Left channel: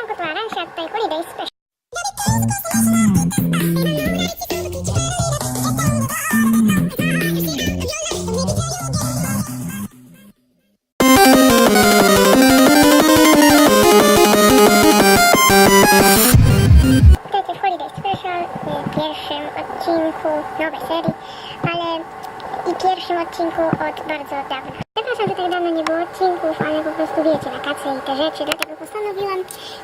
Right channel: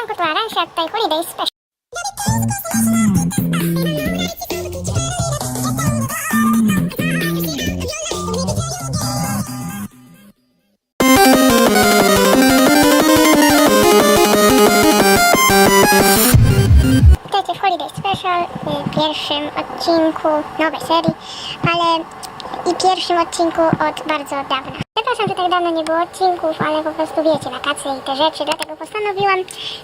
W Holiday Special, w pierwszym odcinku nowej serii, ale i pierwszym odcinku od bardzo dawna. Przepraszam, tak dawno nie było odcinków, ale po prostu wiecie, wakacje i te rzeczy, dlatego postanowiłam,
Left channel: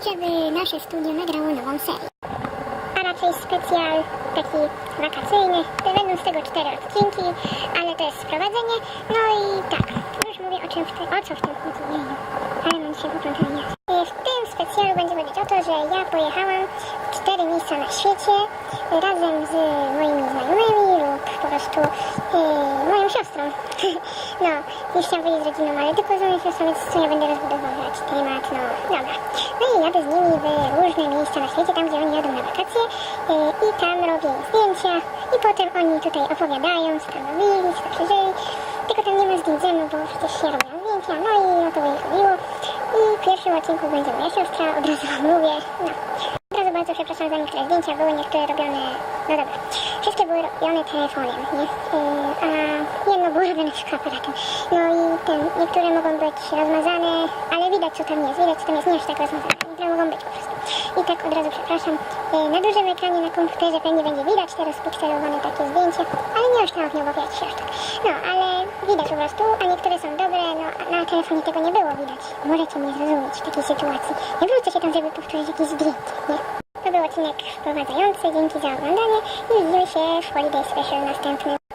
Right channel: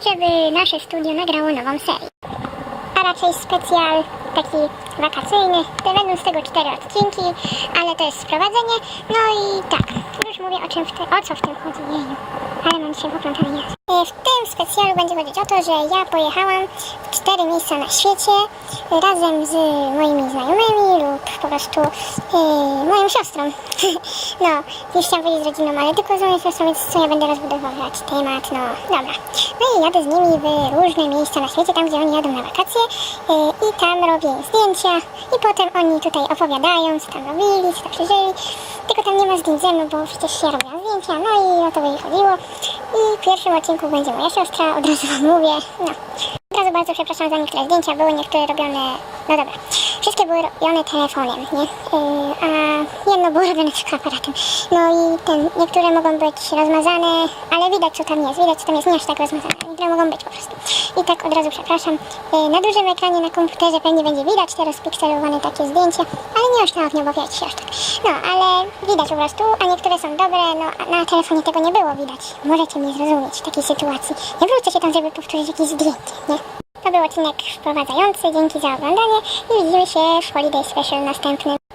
żeby nasze studio nagrało nową serię. A raczej specjal taki wakacyjny. To Będą z tego cztery odcinki, ale to jest sprowadzenie. No i tak, już mówię o czym w te, o co w tym chodzi. Jeju. Ale mam dzisiaj poplątany. E, W tym specjalu będzie chodzić o to, że ja pojechałam w cztery miejsca na świecie razem z moimi znajomymi po prostu e, moją siostrą. no, już chciałam powiedzieć rodziną, ale tylko z moją siostrą, więc co ja będę rozbudowywać temat, no dobra. No i jadę z nimi w różne miejsca na świecie, tam gdzie oni jadą na wakacje e, i tam robię zdjęcia i potem oni tutaj opowiadają, co tam robili, co tam przeżyli. Tylko tam nie ma zdjęć ze mną, bo przecież się robią zdjęcia, no i o to by chodziło. I w pierwszym odcinku będzie moja siostra, od razu wam mówię, no. Od razu bardzo przepraszam za niektóre zdjęcia, były niektóre robione, no dobra, wszystkie były robione telefonem, nie? Yy, a jedno było robione tylko aparatem. No i ten, niektóre mogą być rozmazane, ale widać co tam jest, widać co tam jest, nie aż tak rozmazane, niektóre mogą być po prostu. I tak od razu przepraszam. Yy, na dużym ekranie na komputerze pewnie będzie widać teraz pikselowane takie zdjęcia, ale nie aż tak, nie mówię ci aż tak. No, ale widać po prostu, a niektóre są dobre, no na telefonie tego nie było widać. Możecie mnie zrozumieć w takiej sytuacji. Nie wrócę się tam, żeby powtórzyć jakieś zdjęcie, nie? To był odcinek wprowadzający, dzięki za oglądanie i widzimy się w Holiday Special następnym.